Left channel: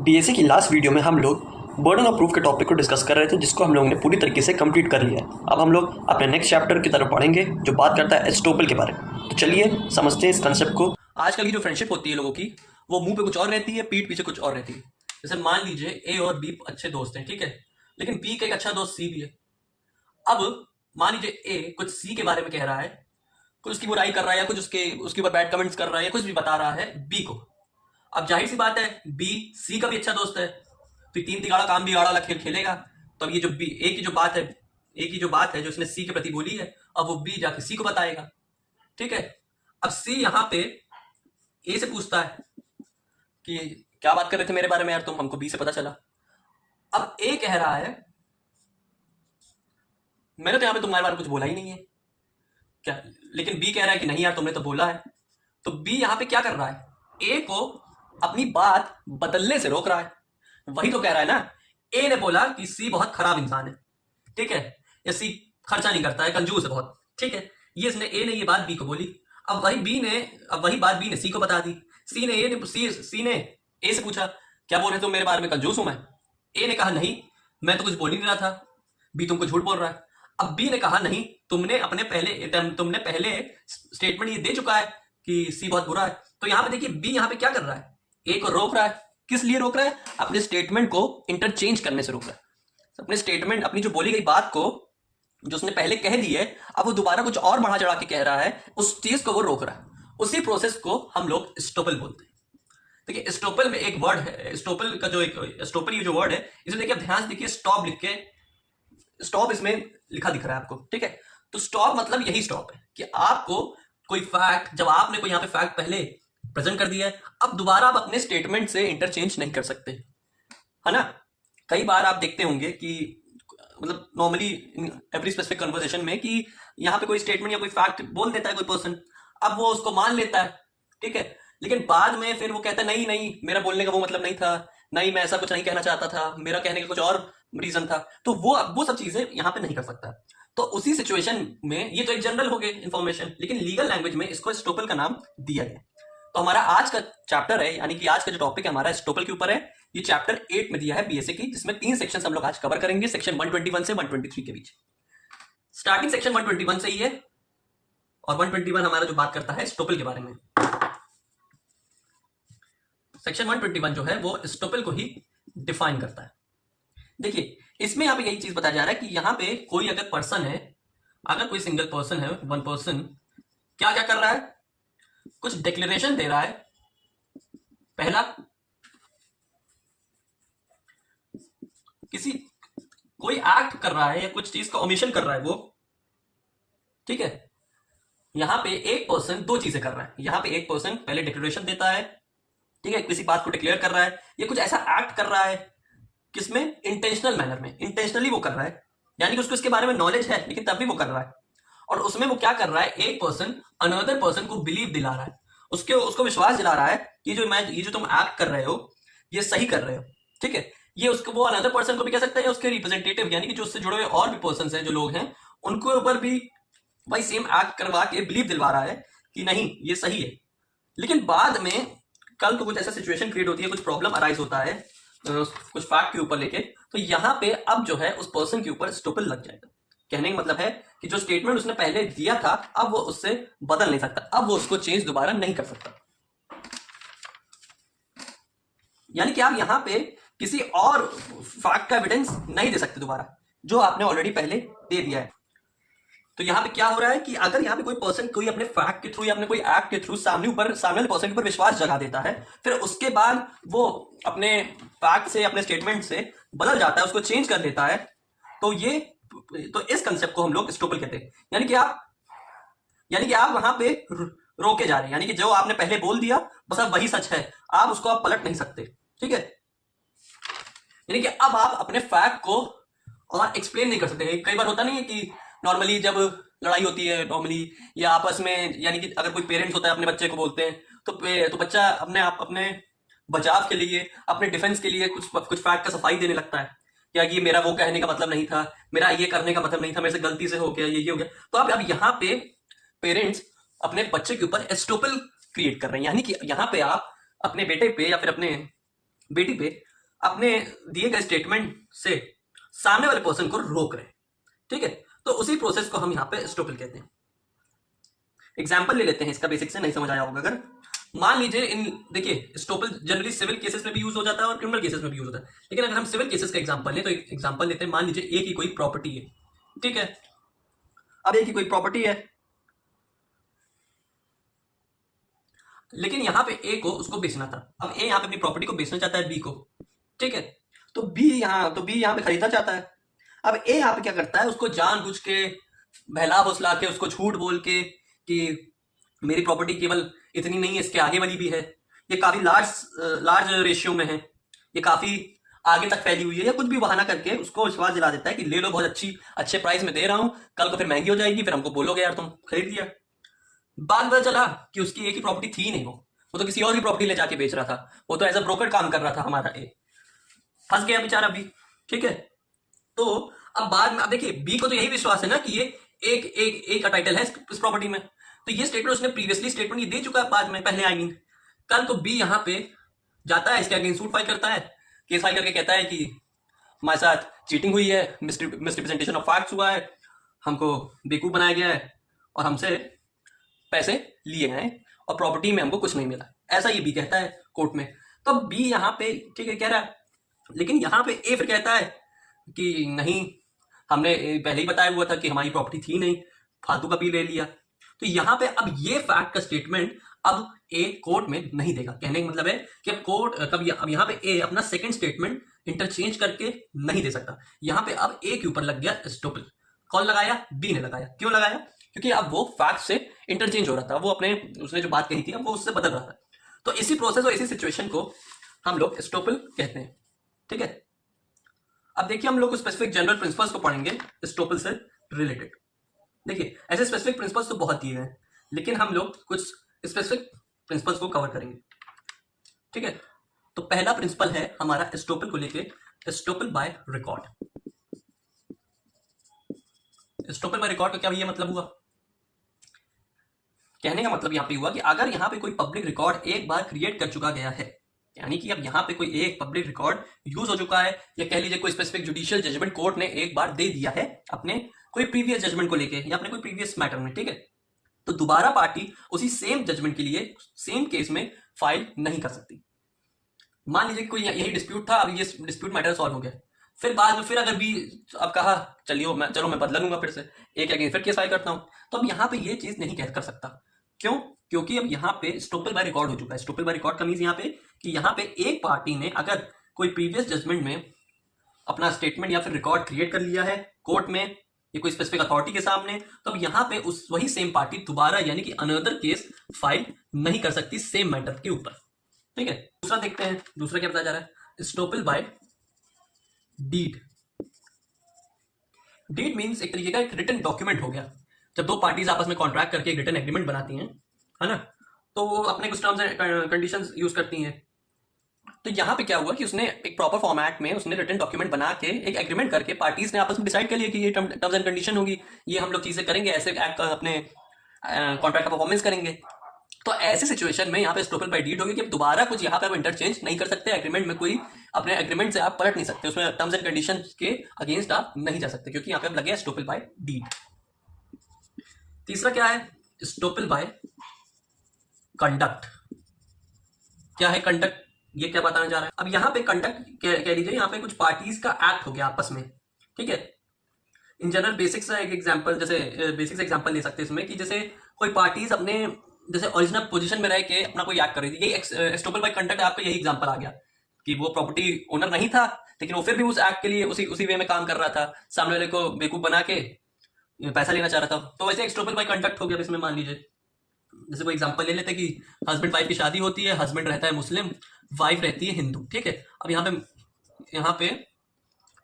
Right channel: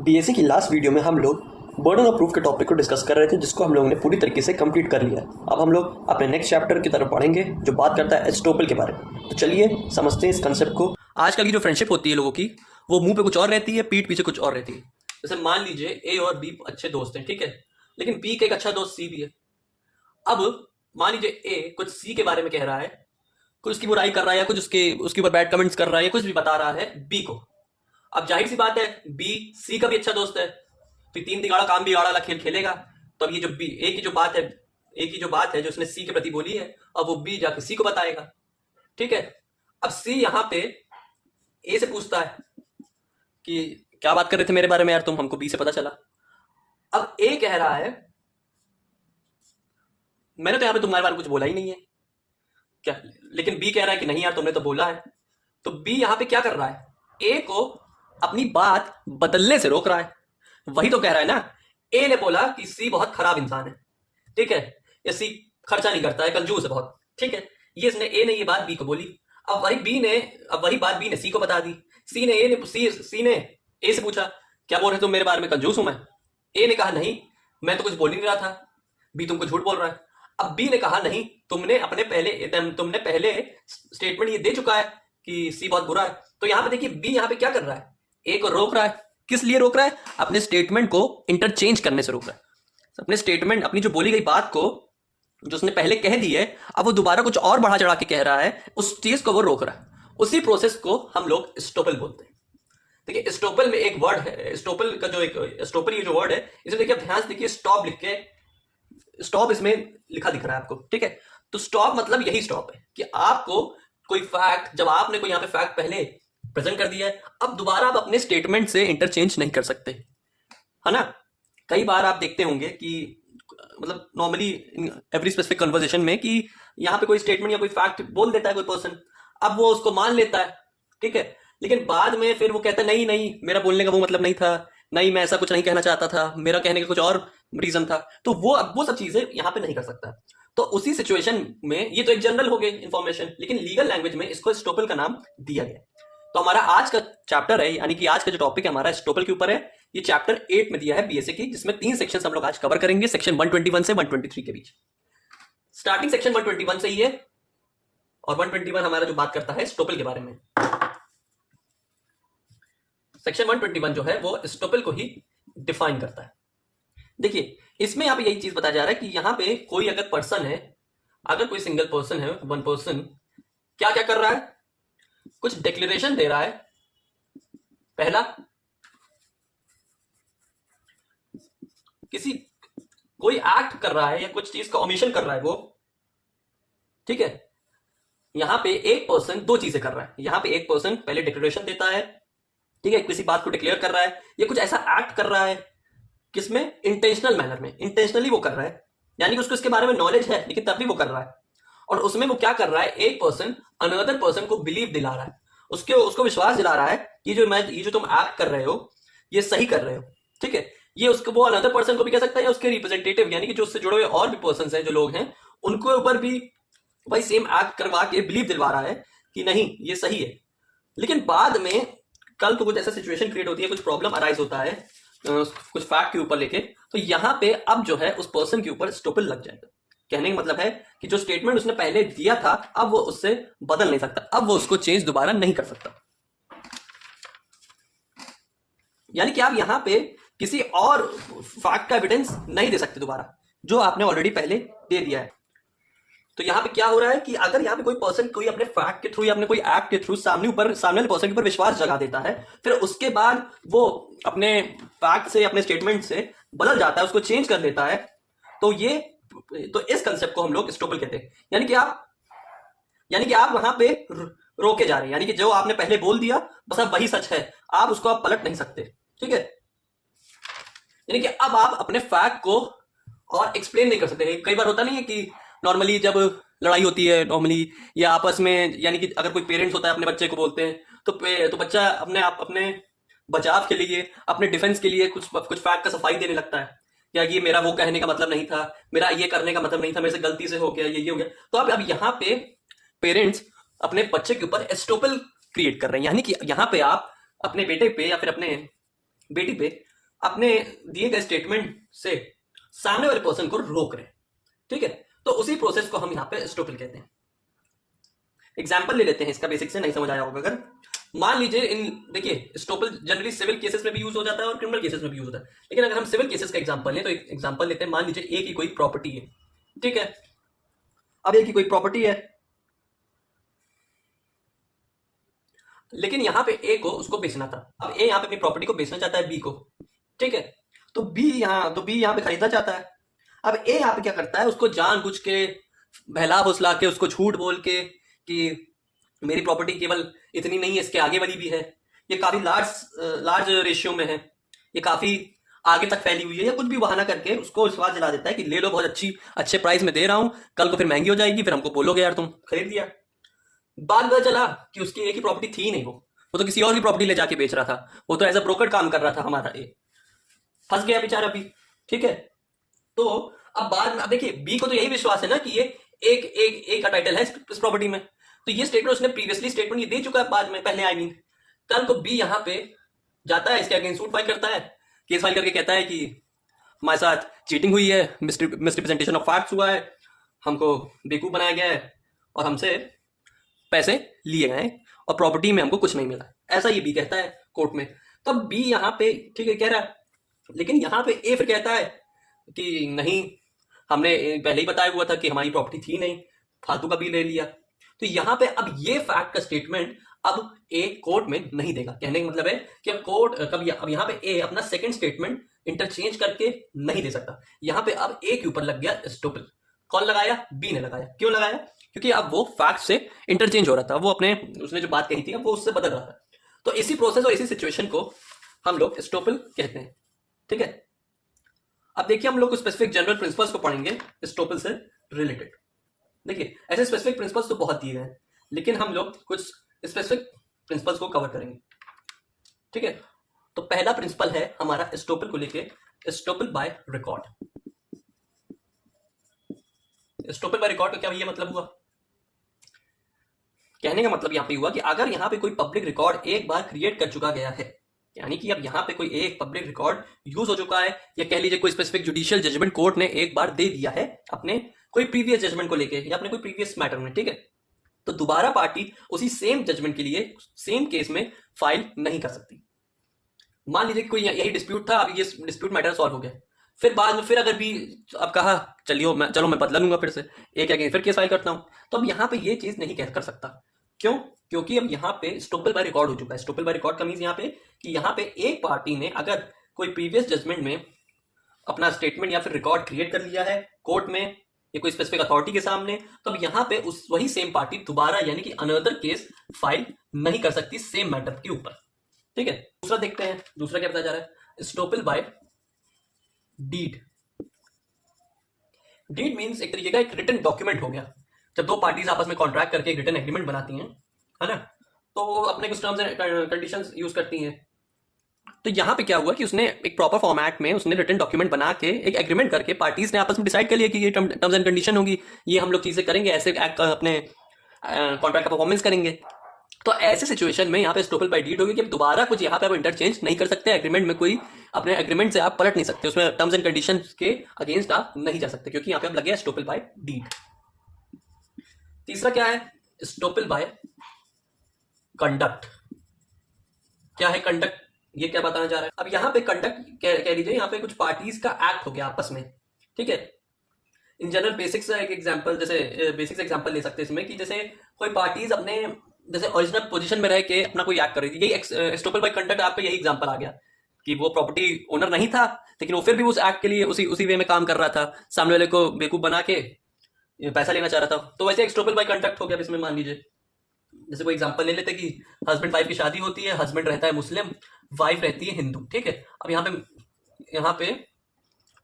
BSc की last video में हम लोग बर्डन ऑफ प्रूफ के टॉपिक को डिस्कस कर रहे थे, जिसको हम लोगों ने पूरी तरीके से कंप्लीट कर लिया है। अब हम लोग अपने नेक्स्ट चैप्टर की तरफ बढ़ेंगे, जो बात करता है एस्टोपल के बारे में। तो चलिए समझते हैं इस कंसेप्ट को। आजकल की जो फ्रेंडशिप होती है लोगों की, वो मुंह पे कुछ और रहती है, पीठ पीछे कुछ और रहती है। जैसे मान लीजिए ए और बी अच्छे दोस्त हैं, ठीक है, लेकिन बी का एक अच्छा दोस्त सी भी है। अब मान लीजिए ए कुछ सी के बारे में कह रहा है, कुछ उसकी बुराई कर रहा है, या कुछ उसके ऊपर बैड कमेंट्स कर रहा है, या कुछ भी बता रहा है बी को। अब जाहिर सी बात है, बी सी का भी अच्छा दोस्त है, तो तीन तिगाड़ा काम बिगाड़ा वाला खेल खेलेगा। तो अब ये जो बी ए की जो बात है, ए की जो बात है जो उसने सी के प्रति बोली है, अब वो बी जाके सी को बताएगा, ठीक है। अब सी यहाँ पे ए से पूछता है कि क्या बात कर रहे थे मेरे बारे में यार तुम, हमको बी से पता चला। अब ए कह रहा है मैंने तो यहाँ पे तुम्हारे बारे में कुछ बोला ही नहीं है क्या, लेकिन बी कह रहा है कि नहीं यार तुमने तो बोला है। तो बी यहाँ पे क्या कर रहा है, ए को अपनी बात बदलने से रोक रहा है। वही तो कह रहा है ना, ए ने बोला कि सी बहुत खराब इंसान है, ठीक है, या सी खर्चा नहीं करता है, कंजूस है बहुत, ठीक है। ये इसने ए ने ये बात बी को बोली। अब वही बात बी ने सी को बता दी। सी ने ए से पूछा क्या बोल रहे तुम मेरे बारे में, कंजूस हूं मैं। ए ने कहा नहीं, मैं तो कुछ बोल ही नहीं रहा था, बी तुमको झूठ बोल रहा है। अब बी ने कहा नहीं, तुमने पहले स्टेटमेंट ये दे चुका है कि सी बहुत बुरा है। तो यहां पे देखिए बी यहां पे क्या कर रहा है, ए को रोक रहा है। किस लिए रोक रहा है, अपने स्टेटमेंट को इंटरचेंज करने से रोक रहा है। अपने स्टेटमेंट, अपनी जो बोली गई बात को, जो उसने पहले कह दी है, अब वो दोबारा कुछ और बढ़ा चढ़ा के कह रहा है, उस चीज को वो रोक रहा है। उसी प्रोसेस को हम लोग स्टोपल बोलते हैं। देखिए स्टोपल में एक वर्ड है, स्टोपल का जो एक स्टोपल ये जो वर्ड है, इसे देखिए आप ध्यान से देखिए, स्टॉप लिख के, स्टॉप इसमें लिखा दिख रहा है आपको, ठीक है। तो स्टॉप मतलब यही स्टॉप है कि आपको कोई फैक्ट, जब आपने कोई यहाँ पे फैक्ट पहले प्रेजेंट कर दिया है, अब दोबारा आप अपने स्टेटमेंट से इंटरचेंज नहीं कर सकते, है ना। कई बार आप देखते होंगे कि मतलब नॉर्मली एवरी स्पेसिफिक कन्वर्सेशन में कि यहाँ पे कोई स्टेटमेंट या कोई फैक्ट बोल देता है कोई पर्सन, अब वो उसको मान लेता है, ठीक है, लेकिन बाद में फिर वो कहता है नहीं नहीं मेरा बोलने का वो मतलब नहीं था, नहीं मैं ऐसा कुछ नहीं कहना चाहता था, मेरा कहने का कुछ और रीजन था। तो वो सब चीजें यहाँ पे नहीं कर सकता। तो उसी सिचुएशन में, ये तो एक जनरल हो गई इंफॉर्मेशन, लेकिन लीगल लैंग्वेज में इसको स्टोपल का नाम दिया गया। तो हमारा आज का चैप्टर है, यानी कि आज का जो टॉपिक है हमारा स्टोपल के ऊपर है। ये चैप्टर 8 में दिया है बीएसए की, जिसमें 3 सेक्शन हम लोग आज कवर करेंगे, सेक्शन 121 से 123 के बीच। स्टार्टिंग सेक्शन 121 से ही है, और 121 हमारा जो बात करता है स्टोपल के बारे में। सेक्शन 121 जो है वो स्टोपल को ही डिफाइन करता है। देखिए इसमें यहाँ पे यही चीज बताया जा रहा है कि यहाँ पे कोई अगर पर्सन है, अगर कोई सिंगल पर्सन है, वन पर्सन क्या क्या कर रहा है, कुछ डिक्लेरेशन दे रहा है। पहला, किसी कोई एक्ट कर रहा है या कुछ चीज का ओमिशन कर रहा है वो, ठीक है। यहां पे एक पर्सन दो चीजें कर रहा है। यहां पे एक पर्सन पहले डिक्लेरेशन देता है, ठीक है, किसी बात को डिक्लेयर कर रहा है, या कुछ ऐसा एक्ट कर रहा है, किसमें, इंटेंशनल मैनर में, इंटेंशनली वो कर रहा है, यानी कि उसको इसके बारे में नॉलेज है लेकिन तब भी वो कर रहा है। और उसमें वो क्या कर रहा है, एक पर्सन अनदर पर्सन को बिलीव दिला रहा है, उसको विश्वास दिला रहा है कि ये जो तुम एक्ट कर रहे हो ये सही कर रहे हो, ठीक है। ये उसको, वो अनदर पर्सन को भी कह सकता है, उसके रिप्रेजेंटेटिव यानी कि जो उससे जुड़े हुए और भी पर्सन हैं, जो लोग हैं, उनको ऊपर भी भाई सेम एक्ट करवा के बिलीव दिलवा रहा है कि नहीं ये सही है। लेकिन बाद में कल को कुछ ऐसा सिचुएशन क्रिएट होती है, कुछ प्रॉब्लम अराइज होता है कुछ फैक्ट के ऊपर लेके, तो यहां पे अब जो है उस पर्सन के ऊपर स्टोपल लग जाएगा। कहने का मतलब है कि जो स्टेटमेंट उसने पहले दिया था अब वो उससे बदल नहीं सकता, अब वो उसको चेंज दोबारा नहीं कर सकता। यानी कि आप यहां पे किसी और फैक्ट का एविडेंस नहीं दे सकते दोबारा, जो आपने ऑलरेडी पहले दे दिया है। तो यहां पे क्या हो रहा है कि अगर यहां पे कोई पर्सन कोई अपने फैक्ट के थ्रू या अपने कोई एक्ट के थ्रू सामने वाले पर्सन के ऊपर विश्वास जगा देता है, फिर उसके बाद वो अपने फैक्ट से, अपने स्टेटमेंट से बदल जाता है, उसको चेंज कर देता है, तो इस कंसेप्ट को हम लोग स्टोपल कहते हैं। यानी कि आप वहां पे रोके जा रहे हैं, यानी कि जो आपने पहले बोल दिया बस अब वही सच है, आप उसको आप पलट नहीं सकते, ठीक है। यानी कि अब आप अपने फैक्ट को और एक्सप्लेन नहीं कर सकते। कई बार होता नहीं है कि नॉर्मली जब लड़ाई होती है नॉर्मली, या आपस में, यानी कि अगर कोई पेरेंट्स होता है अपने बच्चे को बोलते हैं, तो बच्चा अपने बचाव के लिए, अपने डिफेंस के लिए कुछ फैक्ट का सफाई देने लगता है, या ये मेरा वो कहने का मतलब नहीं था, मेरा ये करने का मतलब नहीं था, मेरे से गलती से हो गया, ये हो गया। तो अब यहाँ पे पेरेंट्स अपने बच्चे के ऊपर एस्टोपल क्रिएट कर रहे हैं, यानी कि यहाँ पे आप अपने बेटे पे या फिर अपने बेटी पे अपने दिए गए स्टेटमेंट से सामने वाले पर्सन को रोक रहे हैं, ठीक है। तो उसी प्रोसेस को हम यहाँ पे एस्टोपल कहते हैं। एग्जाम्पल ले लेते हैं इसका, बेसिक से नहीं समझ आया होगा अगर। मान लीजिए देखिए एस्टोपल जनरली सिविल केसेस में भी यूज हो जाता है और क्रिमिनल केसेस में भी यूज होता है, लेकिन अगर हम सिविल केसेस का एग्जाम्पल लें तो एक एग्जाम्पल लेते हैं। मान लीजिए ए की कोई प्रॉपर्टी है, ठीक है। अब ए की कोई प्रॉपर्टी है, लेकिन यहां पे ए को उसको बेचना था। अब ए यहां पे अपनी प्रॉपर्टी को बेचना चाहता है बी को, ठीक है। तो बी यहां पे खरीदना चाहता है। अब ए यहां पे क्या करता है, उसको जानबूझ के बहला फुसला के, उसको झूठ बोल के कि मेरी प्रॉपर्टी केवल इतनी नहीं है, इसके आगे वाली भी है, ये काफी लार्ज रेशियो में है, ये काफी आगे तक फैली हुई है, या कुछ भी बहाना करके उसको विश्वास दिला देता है कि ले लो, बहुत अच्छे प्राइस में दे रहा हूं, कल को फिर महंगी हो जाएगी, फिर हमको बोलोगे यार तुम खरीद लिया। बाद में पता चला कि उसकी एक ही प्रॉपर्टी थी नहीं, वो तो किसी और की प्रॉपर्टी ले जाके बेच रहा था, वो तो एज अ ब्रोकर काम कर रहा था हमारा ए। फंस गया बेचारा बी, ठीक है। तो अब बाद में, अब देखिए बी को तो यही विश्वास है ना कि ये एक का टाइटल है इस प्रॉपर्टी में, तो ये स्टेटमेंट उसने प्रीवियसली स्टेटमेंट ये दे चुका है बाद में, पहले आई मीन। कल को बी यहां पे जाता है, इसके अगेंस्ट सूट फाइल करता है, केस फाइल करके कहता है कि हमारे साथ चीटिंग हुई है, मिसरिप्रेजेंटेशन ऑफ फैक्ट्स हुआ है, हमको बेवकूफ बनाया गया है और हमसे पैसे लिए गए और प्रॉपर्टी में हमको कुछ नहीं मिला, ऐसा ये बी कहता है कोर्ट में। तो बी यहाँ पे ठीक है कह रहा है, लेकिन यहाँ पे ए फिर कहता है कि नहीं, हमने पहले ही बताया हुआ था कि हमारी प्रॉपर्टी थी नहीं, फालतू का बी ले लिया। तो यहाँ पे अब ये फैक्ट का स्टेटमेंट अब ए कोर्ट में नहीं देगा। कहने का मतलब है कि अब यहाँ पे ए अपना सेकंड स्टेटमेंट इंटरचेंज करके नहीं दे सकता। यहाँ पे अब ए के ऊपर लग गया एस्टोपल। कौन लगाया? बी ने लगाया। क्यों लगाया? क्योंकि अब वो फैक्ट से इंटरचेंज हो रहा था, वो उसने जो बात कही थी अब वो उससे बदल रहा था। तो इसी प्रोसेस और इसी सिचुएशन को हम लोग एस्टोपल कहते हैं, ठीक है। अब देखिए हम लोग स्पेसिफिक जनरल प्रिंसिपल्स को पढ़ेंगे एस्टोपल से रिलेटेड। देखिए ऐसे स्पेसिफिक प्रिंसिपल्स तो बहुत दिए हैं, लेकिन हम लोग कुछ स्पेसिफिक प्रिंसिपल्स को कवर करेंगे, ठीक है। तो पहला प्रिंसिपल है हमारा एस्टोपल को लेके, estoppel by record. Estoppel by record का क्या भैया मतलब हुआ? कहने का मतलब यहां पे हुआ कि अगर यहां पे कोई पब्लिक रिकॉर्ड एक बार क्रिएट कर चुका गया है, यानी कि अब यहां पे कोई एक पब्लिक रिकॉर्ड यूज हो चुका है, या कह लीजिए कोई स्पेसिफिक जुडिशियल जजमेंट कोर्ट ने एक बार दे दिया है अपने कोई प्रीवियस जजमेंट को लेके या अपने कोई प्रीवियस मैटर में, ठीक है। तो दोबारा पार्टी उसी सेम जजमेंट के लिए सेम केस में फाइल नहीं कर सकती। मान लीजिए कोई यही डिस्प्यूट था, अब ये डिस्प्यूट मैटर सॉल्व हो गया, फिर बाद में फिर अगर भी अब कहा चलो मैं बदला लूंगा, फिर से एक अगेंस्ट फिर केस फाइल करता हूं, तो अब यहां पे ये चीज नहीं कर सकता। क्यों? क्योंकि अब यहाँ पे एस्टोपल बाय रिकॉर्ड हो चुका है। एस्टोपल बाय रिकॉर्ड का मींस यहाँ पे कि यहाँ पे एक पार्टी ने अगर कोई प्रीवियस जजमेंट में अपना स्टेटमेंट या फिर रिकॉर्ड क्रिएट कर लिया है कोर्ट में या कोई स्पेसिफिक अथॉरिटी के सामने, तो अब यहाँ पे उस वही सेम पार्टी दोबारा यानी कि अनदर केस फाइल नहीं कर सकती सेम मैटर के ऊपर, ठीक है। दूसरा देखते हैं, दूसरा क्या बताया जा रहा है? Estoppel by deed. Deed means एक तरीके का एक रिटन डॉक्यूमेंट हो गया। जब दो पार्टीज आपस में कॉन्ट्रैक्ट करके एक रिटन एग्रीमेंट बनाती हैं, है ना, तो वो अपने कुछ टर्म्स एंड कंडीशंस यूज करती हैं। तो यहाँ पे क्या हुआ कि उसने एक प्रॉपर फॉर्मेट में उसने रिटन डॉक्यूमेंट बना के एक एग्रीमेंट करके पार्टीज ने आपस में डिसाइड कर लिया कि ये टर्म्स एंड कंडीशन होगी, ये हम लोग चीजें करेंगे, ऐसे अपने कॉन्ट्रैक्ट का परफॉर्मेंस करेंगे। तो ऐसे सिचुएशन में यहाँ पे एस्टोपल बाय डीड होगी कि दोबारा कुछ यहाँ पे आप इंटरचेंज नहीं कर सकते एग्रीमेंट में, कोई अपने एग्रीमेंट से आप पलट नहीं सकते, उसमें टर्म्स एंड कंडीशंस के अगेंस्ट आप नहीं जा सकते, क्योंकि यहाँ पे आप लगे एस्टोपल बाय डीड। तीसरा क्या है? Estoppel by conduct. क्या है कंडक्ट? ये क्या बताना चाह रहा है? अब यहाँ पे कंडक्ट कह लीजिए यहाँ पे कुछ पार्टीज का एक्ट हो गया आपस में, ठीक है। इन जनरल बेसिक्स एक एग्जांपल, जैसे बेसिक्स एग्जांपल ले सकते हैं इसमें कि जैसे कोई पार्टीज अपने जैसे ओरिजिनल पोजीशन में रह के अपना कोई एक्ट कर रही थी, यही एस्टोपल बाय कंडक्ट आपका यही एग्जांपल आ गया कि वो प्रॉपर्टी ओनर नहीं था, लेकिन वो फिर भी उस एक्ट के लिए उसी वे में काम कर रहा था, सामने वाले को बेवकूफ बना के पैसा लेना चाह रहा था। तो वैसे एस्टोपल बाय कंडक्ट हो गया। इसमें मान लीजिए जैसे कोई एग्जांपल ले लेते कि हस्बैंड वाइफ की शादी होती है, हस्बैंड रहता है मुस्लिम, वाइफ रहती है हिंदू, ठीक है। अब यहाँ पे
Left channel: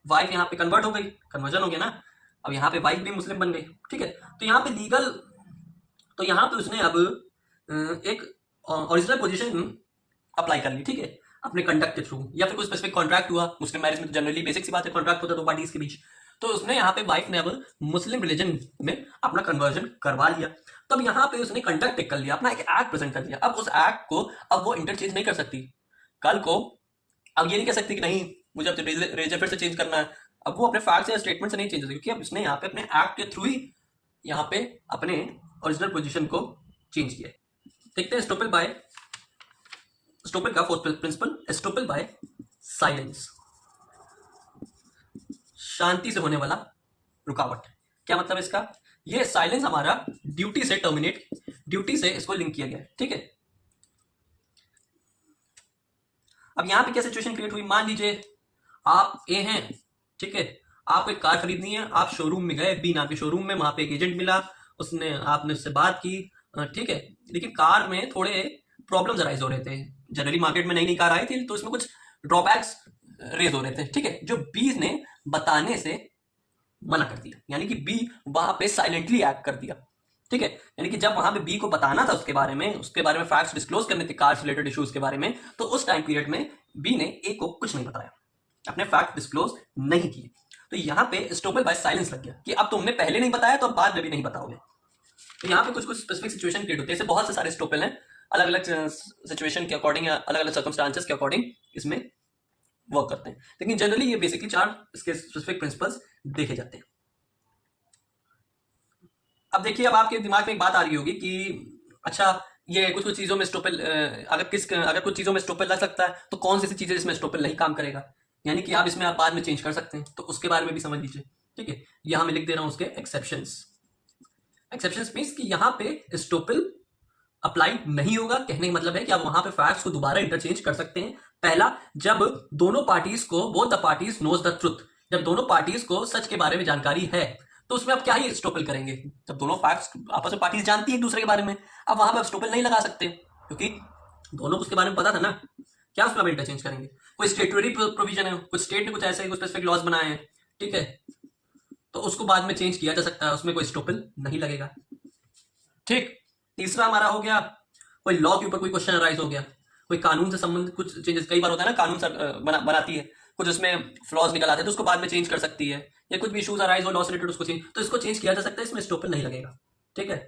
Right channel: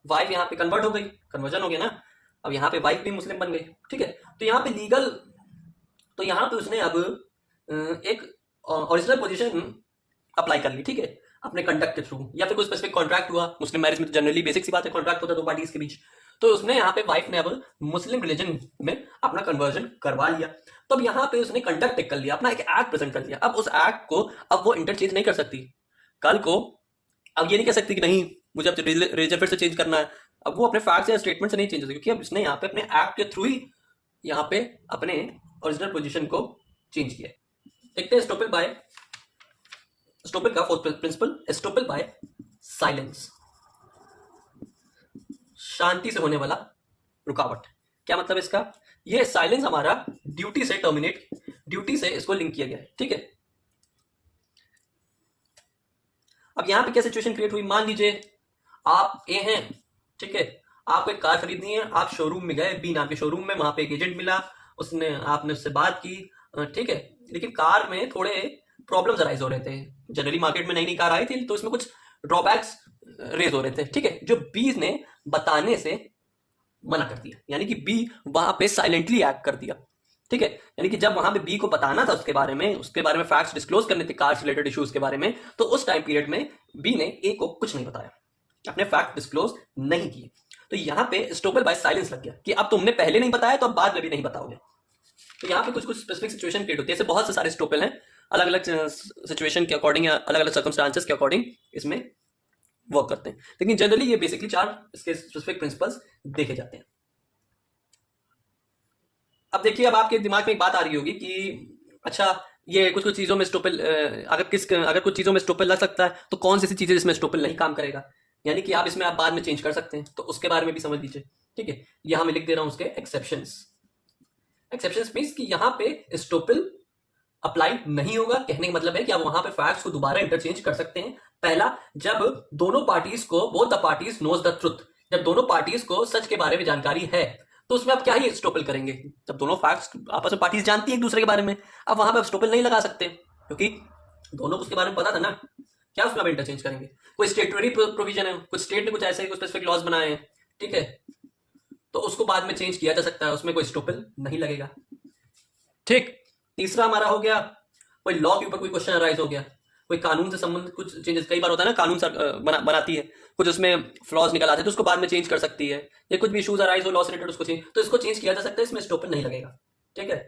वाइफ यहाँ पे कन्वर्ट हो गई, कन्वर्जन हो गया ना, अब यहाँ पे वाइफ भी मुस्लिम बन गई, ठीक है। तो यहाँ पे लीगल, तो यहाँ पे उसने अब एक ओरिजिनल पोजीशन अप्लाई कर ली, ठीक है, अपने कंडक्ट के थ्रू, या फिर कोई स्पेसिफिक कॉन्ट्रैक्ट हुआ। मुस्लिम मैरिज में तो जनरली बेसिक सी बात है, कॉन्ट्रैक्ट होता है दो पार्टीज के बीच। तो उसने यहाँ पे वाइफ ने अब मुस्लिम रिलीजन में अपना कन्वर्जन करवा लिया, तो अब यहाँ पे उसने कंडक्ट कर लिया, अपना एक एक्ट प्रेजेंट कर दिया। अब उस एक्ट को अब वो इंटरचेंज नहीं कर सकती। कल को अब ये नहीं कह सकती कि नहीं मुझे अब रेजर फिर से चेंज करना है। अब वो अपने फैक्ट या स्टेटमेंट से नहीं चेंज होती, क्योंकि अब उसने यहाँ पे अपने एक्ट के थ्रू ही यहाँ पे अपने ओरिजिनल पोजीशन को चेंज किया। देखते हैं स्टोपेल का फोर्थ प्रिंसिपल, स्टोपेल बाय साइलेंस, शांति से होने वाला रुकावट। क्या मतलब इसका? ये साइलेंस हमारा ड्यूटी से इसको लिंक किया गया है, ठीक है। अब यहां पे क्या सिचुएशन क्रिएट हुई? मान लीजिए आप ए हैं, ठीक है, आपको एक कार खरीदनी है, आप शोरूम में गए, बी नाम के शोरूम में, वहां पे एक एजेंट मिला, आपने उससे बात की, ठीक है, लेकिन कार में थोड़े प्रॉब्लम्स अराइज हो रहे थे। जनरली मार्केट में नई नई कार आई थी, तो इसमें कुछ ड्रॉबैक्स रेज हो रहे थे, ठीक है, जो बी ने बताने से मना कर दिया, यानी कि बी वहां पे साइलेंटली एक्ट कर दिया, ठीक है। यानी कि जब वहां पे बी को बताना था उसके बारे में फैक्ट्स डिस्क्लोज करने थे कार से रिलेटेड इश्यूज के बारे में, तो उस टाइम पीरियड में बी ने ए को कुछ नहीं बताया, अपने फैक्ट डिस्क्लोज नहीं किए। तो यहाँ पे स्टोपेल बाय साइलेंस लग गया कि अब तुमने पहले नहीं बताया तो अब बाद में भी नहीं बताओगे। तो यहाँ पे कुछ कुछ स्पेसिफिक सिचुएशन क्रिएट होती है। ऐसे बहुत से सारे स्टोपेल हैं, अलग अलग सिचुएशन के अकॉर्डिंग या अलग अलग सर्कमस्टांसेस के अकॉर्डिंग इसमें वर्क करते हैं, लेकिन जनरली ये बेसिकली 4 इसके स्पेसिफिक प्रिंसिपल्स देखे जाते हैं। अब देखिए, अब आपके दिमाग में एक बात आ रही होगी कि अच्छा, ये कुछ कुछ चीजों में स्टोपेल अगर कुछ चीजों में स्टोपेल लग सकता है, तो कौन सी ऐसी चीजें जिसमें स्टोपेल नहीं काम करेगा, यानी कि आप इसमें बाद में चेंज कर सकते हैं, तो उसके बारे में भी समझ लीजिए, ठीक है। यहां मैं लिख दे रहा हूं उसके एक्सेप्शंस मींस कि यहां पे स्टोपेल अप्लाई नहीं होगा। कहने का मतलब है कि आप वहां पे फैक्ट्स को दोबारा इंटरचेंज कर सकते हैं। पहला, जब दोनों पार्टीज को, both the parties knows the truth, जब दोनों पार्टीज को सच के बारे में जानकारी है, तो उसमें आप क्या ही स्टोपेल करेंगे? जब दोनों फैक्ट्स आपस में पार्टीज जानती है एक दूसरे के बारे में, अब वहां पे आप स्टोपेल नहीं लगा सकते, क्योंकि दोनों को उसके बारे में पता था ना। क्या उसमें आप इंटरचेंज करेंगे? कोई स्टेटरी प्रोविजन है, कुछ स्टेट ने कुछ ऐसे कुछ स्पेसिफिक लॉज बनाए हैं, ठीक है, तो उसको बाद में चेंज किया जा सकता है, उसमें कोई स्टोपेल नहीं लगेगा, ठीक। तीसरा हमारा हो गया, कोई लॉ के ऊपर कोई क्वेश्चन अराइज हो गया, कोई कानून से संबंधित कुछ चेंजेस, कई बार होता है ना, कानून बनाती है, कुछ उसमें फ्लॉज निकल आते हैं, तो उसको बाद में चेंज कर सकती है, या कुछ भी इशूज अराइज हो लॉ से रिलेटेड, उसको चेंज, तो इसको चेंज किया जा सकता है, इसमें स्टोपेल नहीं लगेगा, ठीक है।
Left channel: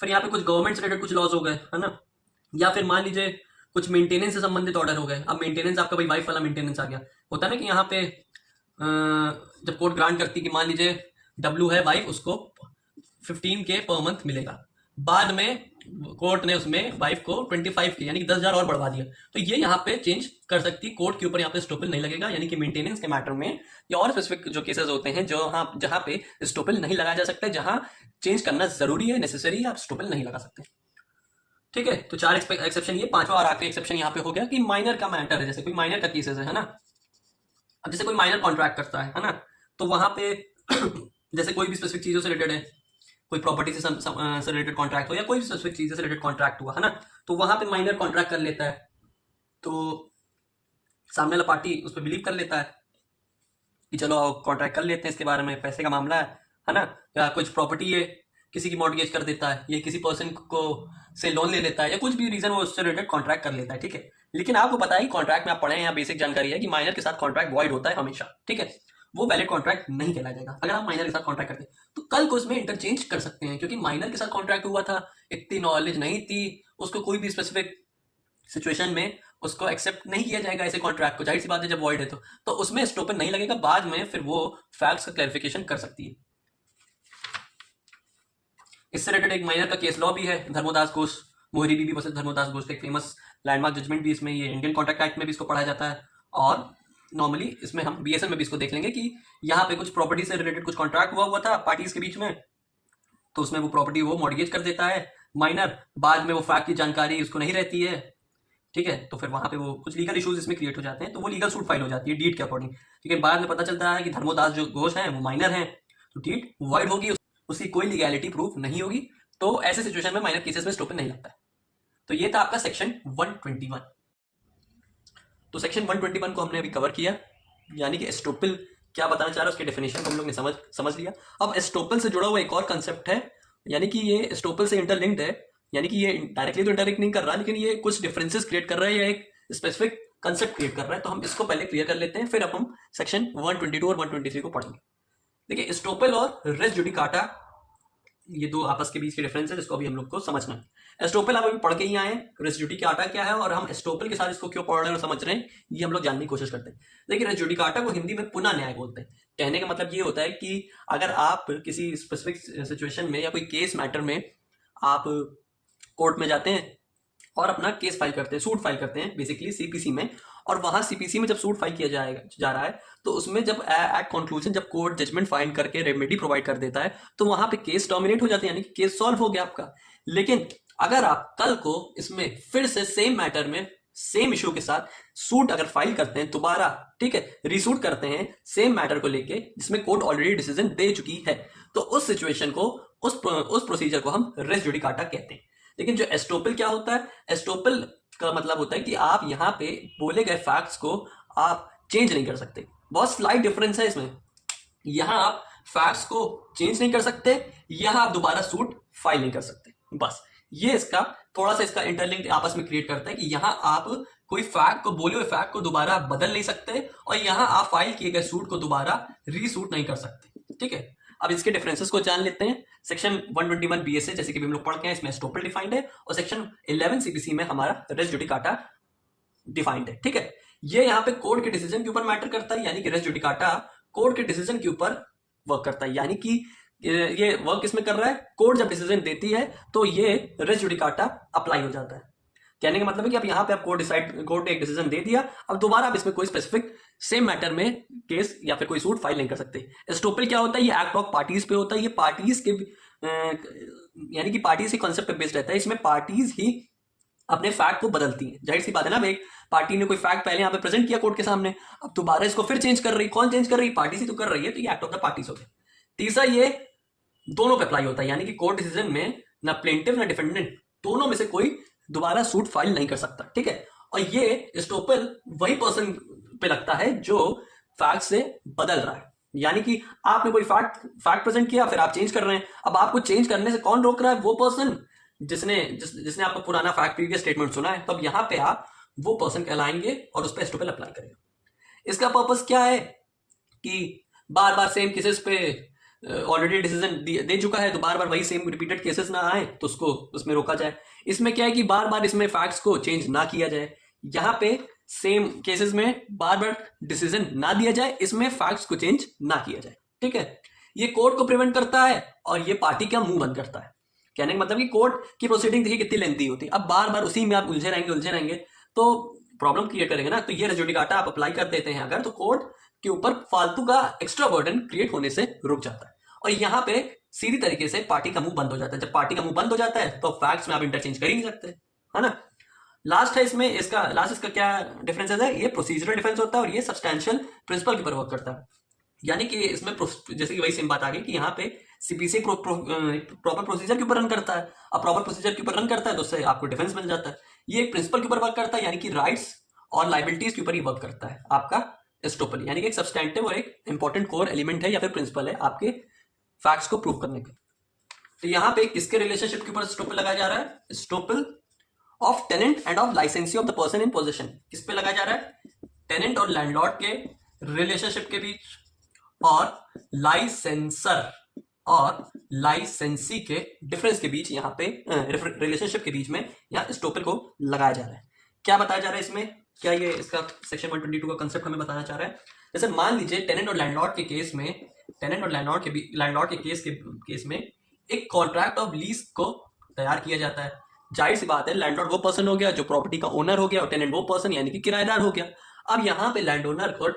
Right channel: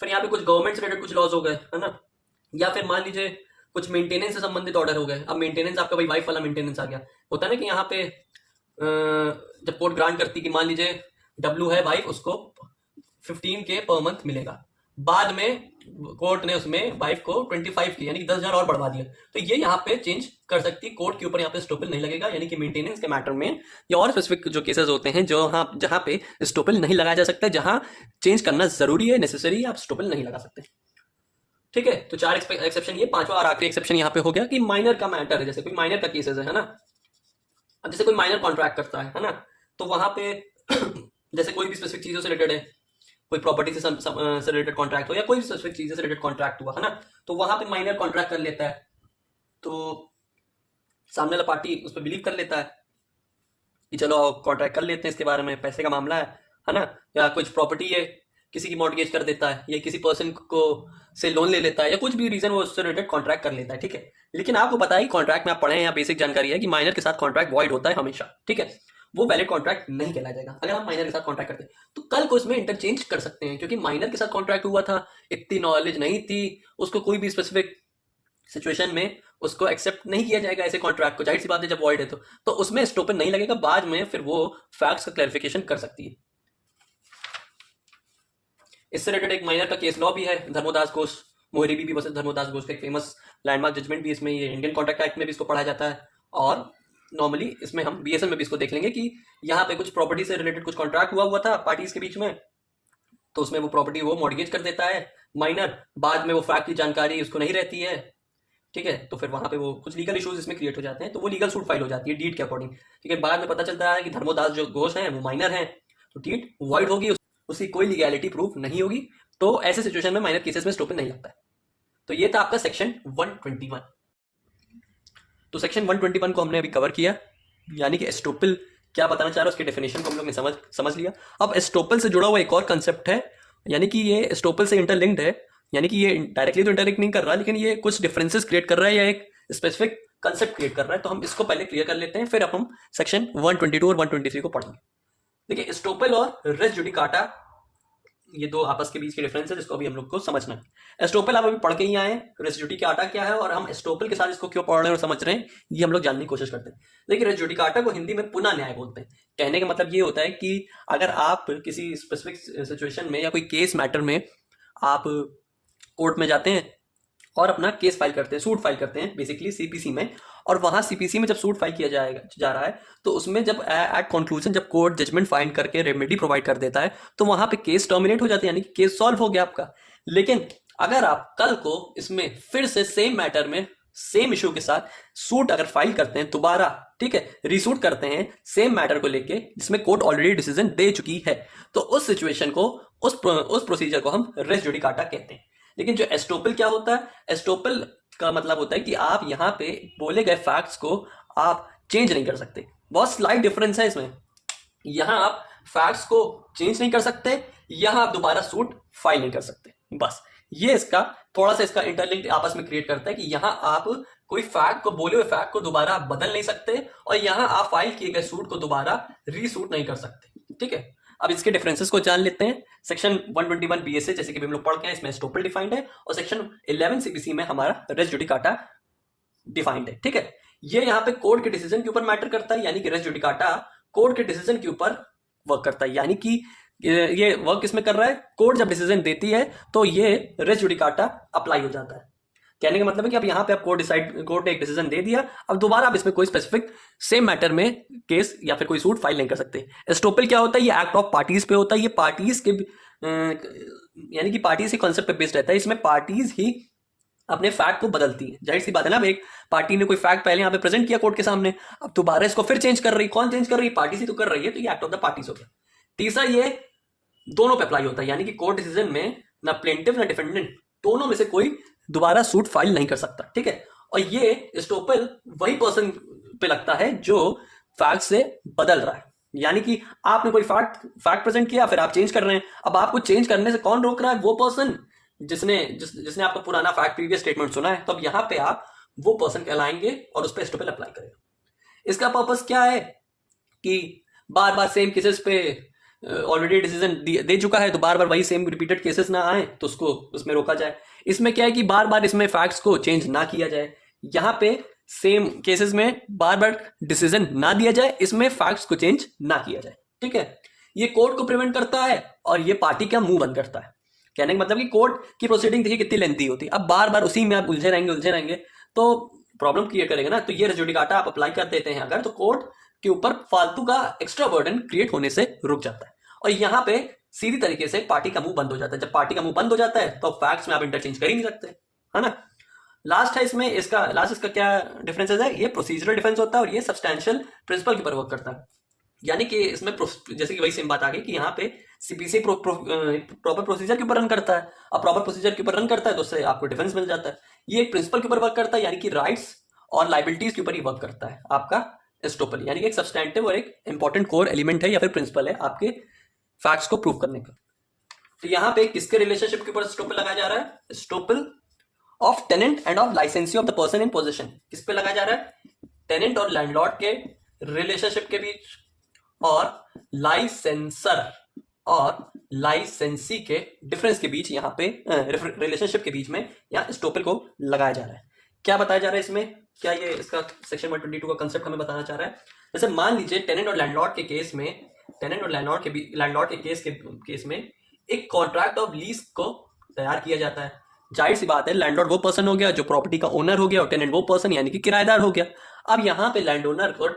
फिर यहाँ पे कुछ गवर्नमेंट से रिलेटेड कुछ लॉज हो गए, है ना, या फिर मान लीजिए कुछ मेंटेनेंस से संबंधित ऑर्डर हो गए। अब मेंटेनेंस आपका भाई वाइफ वाला मेंटेनेंस आ गया, होता है ना कि यहाँ पे जब कोर्ट ग्रांट करती कि मान लीजिए डब्ल्यू है वाइफ, उसको 15K पर मंथ मिलेगा, बाद में कोर्ट ने उसमें वाइफ को 25K यानी कि 10,000 और बढ़वा दिया, तो ये यहाँ पे चेंज कर सकती है, कोर्ट के ऊपर यहाँ पे स्टोपेल नहीं लगेगा। यानी कि मेंटेनेंस के मैटर में या और स्पेसिफिक जो केसेस होते हैं जो जहाँ पे स्टोपेल नहीं लगाया जा सकता, जहाँ चेंज करना जरूरी है, नेसेसरी है, आप स्टोपेल नहीं लगा सकते, ठीक है। तो 4 एक्सेप्शन ये, 5वां और आखिरी एक्सेप्शन यहाँ पे हो गया कि माइनर का मैटर है, जैसे कोई माइनर का केसेस है ना, अब जैसे कोई माइनर कॉन्ट्रैक्ट करता है ना, तो वहां पे जैसे कोई भी स्पेसिफिक चीजों से रिलेटेड है, कोई प्रॉपर्टी से रिलेटेड कॉन्ट्रैक्ट हो या कोई भी स्पेसिफिक चीज से रिलेटेड कॉन्ट्रैक्ट हुआ, है ना, तो वहां पे माइनर कॉन्ट्रैक्ट कर लेता है, तो सामने वाला पार्टी उस पर बिलीव कर लेता है कि चलो कॉन्ट्रैक्ट कर लेते हैं, इसके बारे में पैसे का मामला है ना, या कुछ प्रॉपर्टी है किसी की मॉर्गेज कर देता है, या किसी पर्सन को से लोन ले लेता है, या कुछ भी रीजन वो उससे रिलेटेड कॉन्ट्रैक्ट कर लेता है, ठीक है। लेकिन आपको पता है कॉन्ट्रैक्ट में आप पढ़े या बेसिक जानकारी है कि माइनर के साथ कॉन्ट्रैक्ट वॉइड होता है हमेशा, ठीक है, वो वैलिड कॉन्ट्रैक्ट नहीं कहला जाएगा अगर आप माइनर के साथ कॉन्ट्रैक्ट करते हैं। तो कल को उसमें इंटरचेंज कर सकते हैं, क्योंकि माइनर के साथ कॉन्ट्रैक्ट हुआ था, इतनी नॉलेज नहीं थी उसको, कोई भी स्पेसिफिक सिचुएशन में उसको एक्सेप्ट नहीं किया जाएगा ऐसे कॉन्ट्रैक्ट को, जाहिर सी बात है जब वॉइड है तो उसमें स्टोपेल नहीं लगेगा, बाद में फिर वो फैक्ट्स का क्लैरिफिकेशन कर सकती है। इससे रिलेटेड एक माइनर का केस लॉ भी है, धर्मोदास घोष, मोहरी बीबी वर्सेस धर्मोदास घोष का एक फेमस लैंडमार्क जजमेंट भी इसमें, ये इंडियन कॉन्ट्रैक्ट एक्ट में भी इसको पढ़ा जाता है, और नॉर्मली इसमें हम बीएसएल में भी इसको देख लेंगे कि यहाँ पे कुछ प्रॉपर्टी से रिलेटेड कुछ कॉन्ट्रैक्ट हुआ था पार्टीज के बीच में, तो उसमें वो प्रॉपर्टी वो मॉर्गेज कर देता है माइनर, बाद में वो फैक्ट की जानकारी उसको नहीं रहती है, ठीक है, तो फिर वहां पे वो कुछ लीगल इश्यूज इसमें क्रिएट हो जाते हैं, तो वो लीगल सूट फाइल हो जाती है डीड के अकॉर्डिंग, ठीक है। बाद में पता चलता है कि धर्मोदास जो घोष हैं वो माइनर हैं, तो डीड वॉइड होगी, उसकी कोई लीगैलिटी प्रूफ नहीं होगी, तो ऐसे सिचुएशन में माइनर केसेस में स्टोपेल नहीं लगता है। तो ये था आपका सेक्शन 121। तो सेक्शन 121 को हमने अभी कवर किया, यानी कि एस्टोपेल क्या बताना चाह रहा है उसके डेफिनेशन को हम लोग ने समझ लिया। अब एस्टोपेल से जुड़ा हुआ एक और कंसेप्ट है, यानी कि ये एस्टोपेल से इंटरलिंक्ड है, यानी कि ये डायरेक्टली तो इंटरलिंक नहीं कर रहा है, लेकिन ये कुछ डिफरेंसेस क्रिएट कर रहा है या एक स्पेसिफिक कंसेप्ट क्रिएट कर रहा है, तो हम इसको पहले क्लियर कर लेते हैं, फिर अब हम सेक्शन 122 और 123 को पढ़ेंगे। देखिए, एस्टोपेल और रेस जुडिकाटा ये दो आपस के बीच के डिफरेंस है जिसको अभी हम लोग को समझना है। एस्टोपल हम अभी पढ़ के ही आए हैं, रेस जुडिकाटा क्या है और हम एस्टोपल के साथ इसको क्यों पढ़ रहे हैं और समझ रहे हैं, ये हम लोग जानने की कोशिश करते हैं। लेकिन रेस जुडिकाटा को हिंदी में पुनः न्याय बोलते हैं। कहने का मतलब ये होता है कि अगर आप किसी स्पेसिफिक सिचुएशन में या कोई केस मैटर में आप कोर्ट में जाते हैं और अपना केस फाइल करते हैं, सूट फाइल करते हैं बेसिकली सीपीसी में, और वहां सीपीसी में जब सूट फाइल किया जा रहा है तो उसमें जब एट कंक्लूजन जब कोर्ट जजमेंट फाइंड करके रेमेडी प्रोवाइड कर देता है तो वहां पे केस टर्मिनेट हो जाता है, यानी कि केस सॉल्व हो गया आपका। लेकिन अगर आप कल को इसमें फिर से सेम मैटर में सेम इशू के साथ सूट अगर फाइल करते हैं दोबारा, ठीक है, रीसूट करते हैं सेम मैटर को लेके जिसमें कोर्ट ऑलरेडी डिसीजन दे चुकी है, तो उस सिचुएशन को उस प्रोसीजर को हम रेस जुडिकाटा कहते हैं। लेकिन जो एस्टोपल क्या होता है, एस्टोपल का मतलब होता है कि आप यहाँ पे बोले गए फैक्ट्स को आप चेंज नहीं कर सकते। बहुत स्लाइट डिफरेंस है इसमें। यहाँ आप फैक्ट्स को चेंज नहीं कर सकते, यहाँ आप दोबारा सूट फाइल नहीं कर सकते। बस ये इसका थोड़ा सा इसका इंटरलिंक आपस में क्रिएट करता है कि यहाँ आप कोई फैक्ट को, बोले हुए फैक्ट को दोबारा आप बदल नहीं सकते और यहाँ आप फाइल किए गए सूट को दोबारा रीसूट नहीं कर सकते। ठीक है, अब इसके डिफरेंसेस को जान लेते हैं। सेक्शन 121 बीएसए जैसे कि हम लोग पढ़ के हैं, इसमें एस्टोपल डिफाइंड है और सेक्शन 11 सीपीसी में हमारा रेस जुडिकाटा डिफाइंड है। ठीक है, ये यहाँ पे कोर्ट के डिसीजन के ऊपर मैटर करता है, यानी कि रेस जुडिकाटा कोर्ट के डिसीजन के ऊपर वर्क करता है। यानी कि ये वर्क किसमें कर रहा है, कोर्ट जब डिसीजन देती है तो ये रेस जुडिकाटा अप्लाई हो जाता है। कहने का मतलब है कि अब यहाँ पे आप कोर्ट ने एक डिसीजन दे दिया, अब दोबारा आप इसमें कोई स्पेसिफिक सेम मैटर में केस या फिर कोई सूट फाइल नहीं कर सकते। एस्टोपल क्या होता है, ये एक्ट ऑफ पार्टीज पे होता है। ये पार्टीज के यानी कि पार्टीज के कॉन्सेप्ट पे बेस्ड रहता है। इसमें पार्टीज ही अपने फैक्ट को बदलती है। जाहिर सी बात है ना, एक पार्टी ने कोई फैक्ट पहले यहाँ पे प्रेजेंट किया कोर्ट के सामने, अब दोबारा इसको फिर चेंज कर रही, कौन चेंज कर रही, पार्टी से तो कर रही है, तो ये एक्ट ऑफ द पार्टीज हो गया। तीसरा, ये दोनों पे अप्लाई होता है, यानी कि कोर्ट डिसीजन में ना प्लेंटिफ ना डिफेंडेंट दोनों में से कोई दोबारा सूट फाइल नहीं कर सकता। ठीक है, और ये एस्टोपल वही पर्सन पे लगता है जो फैक्ट से बदल रहा है। यानी कि आपने कोई फैक्ट प्रेजेंट किया, फिर आप चेंज कर रहे हैं, अब आपको चेंज करने से कौन रोक रहा है, वो पर्सन जिसने आपका पुराना फैक्ट प्रीवियस स्टेटमेंट सुना है। तो अब यहां पे आप वो पर्सन कहलाएंगे और उस पर एस्टोपल अप्लाई करेगा। इसका पर्पस क्या है कि बार बार सेम केसेस पे ऑलरेडी डिसीजन दे चुका है, तो बार बार वही सेम रिपीटेड केसेस ना आए तो उसको उसमें रोका जाए। इसमें क्या है कि बार बार इसमें फैक्ट्स को चेंज ना किया जाए। यहाँ पे सेम केसेस में बार बार डिसीजन ना दिया जाए, इसमें फैक्ट्स को चेंज ना किया जाए। ठीक है, ये कोर्ट को प्रिवेंट करता है और ये पार्टी का मुंह बंद करता है। कहने का मतलब कि कोर्ट की प्रोसीडिंग देखिए कितनी लेंथी होती है, अब बार बार उसी में आप उलझे रहेंगे तो प्रॉब्लम क्रिएट करेंगे ना। तो ये रेस जुडिकाटा आप अप्लाई कर देते हैं अगर, तो कोर्ट के ऊपर फालतू का एक्स्ट्रा बर्डन क्रिएट होने से रुक जाता है और यहाँ पे सीधी तरीके से पार्टी का मुंह बंद हो जाता है। जब पार्टी का मुंह बंद हो जाता है तो फैक्ट्स में आप इंटरचेंज कर ही नहीं सकते, है ना। लास्ट है इसमें इसका क्या डिफरेंसेस है, ये प्रोसीजरल डिफरेंस होता है और ये सब्सटैंशियल प्रिंसिपल के ऊपर वर्क करता है। यानी कि इसमें जैसे कि वही सेम बात आ गई कि यहाँ पे सीपीसी प्रॉपर प्रोसीजर के ऊपर रन करता है। अब प्रॉपर प्रोसीजर के ऊपर रन करता है तो उससे आपको डिफेंस मिल जाता है। ये एक प्रिंसिपल के ऊपर वर्क करता है, यानी कि राइट्स और लाइबिलिटीज के ऊपर ही वर्क करता है आपका एस्टोपल, यानी कि एक सब्सटैंटिव और एक इंपॉर्टेंट कोर एलिमेंट है या फिर प्रिंसिपल है आपके फैक्ट्स को प्रूव करने का। तो यहाँ पे किसके रिलेशनशिप के ऊपर एस्टोपल लगाया जा रहा है, estoppel of tenant and of licensee of the person in possession. किस पे लगाया जा रहा है, टेनेंट और लैंडलॉर्ड के रिलेशनशिप के बीच और लाइसेंसर और लाइसेंसी के डिफरेंस के बीच, यहाँ पे रिलेशनशिप के बीच में यहाँ एस्टोपल को लगाया जा रहा है। क्या बताया जा रहा है इसमें, क्या ये इसका सेक्शन 122 का कंसेप्ट हमें बताना चाह रहा है। जैसे मान लीजिए टेनेंट और लैंडलॉर्ड के केस में, टेनेंट और लैंडलॉर्ड के केस में एक कॉन्ट्रैक्ट ऑफ लीज को तैयार किया जाता है। जाहिर सी बात है, लैंडलॉर्ड वो पर्सन हो गया जो प्रॉपर्टी का ओनर हो गया और टेनेंट वो पर्सन यानी कि किराएदार हो गया। अब यहाँ पे लैंड ओनर को